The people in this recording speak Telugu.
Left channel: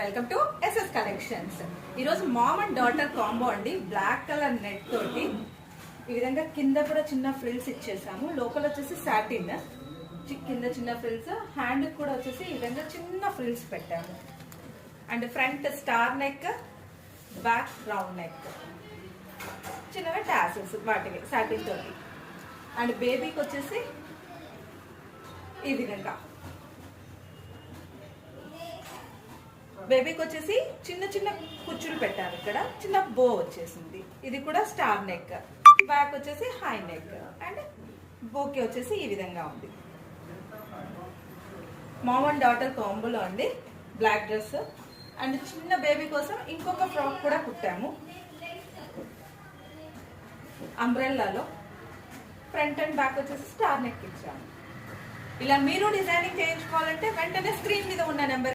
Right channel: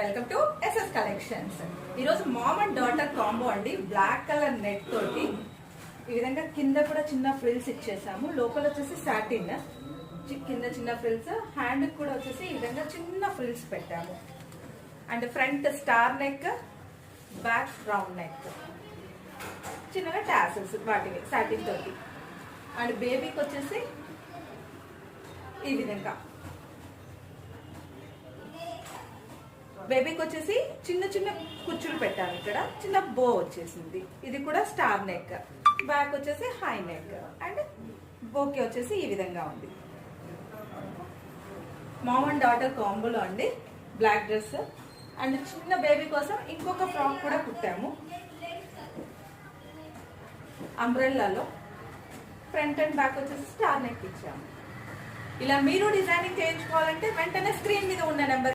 Welcome to SS collections. ఈరోజు మామ్ అండ్ డాటర్ కాంబో అండి. బ్లాక్ కలర్ నెట్ తోటి ఈ విధంగా కింద కూడా చిన్న ఫ్రిల్స్ ఇచ్చేసాము. లోపల వచ్చేసి సాటిన్, కింద చిన్న ఫ్రిల్స్, హ్యాండ్ కూడా వచ్చేసి ఈ విధంగా చిన్న ఫ్రిల్స్ పెట్టాము. And front star neck, back round neck, చిన్నగా టాసల్స్ వాటివి సాటిన్ తోటి. అండ్ బేబీకి వచ్చేసి ఈ విధంగా బేబీకి వచ్చేసి చిన్న చిన్న కుచ్చులు పెట్టాను. ఇక్కడ చిన్న బో వచ్చేసింది. ఇది కూడా స్టార్ నెక్, బ్యాక్ వచ్చేసి హై నెక్, అండ్ బోకే వచ్చేసి ఈ విధంగా ఉంది. మామ్ అండ్ డాటర్ కాంబోలో అండి. బ్లాక్ డ్రెస్ అండ్ చిన్న బేబీ కోసం ఇంకొక ఫ్రాక్ కూడా కుట్టాము. అంబ్రెల్లాలో ఫ్రంట్ అండ్ బ్యాక్ వచ్చేసి స్టార్ నెక్ ఇచ్చాము. ఇలా మీరు డిజైనింగ్ చేయించుకోవాలంటే వెంటనే స్క్రీన్ మీద ఉన్న నెంబర్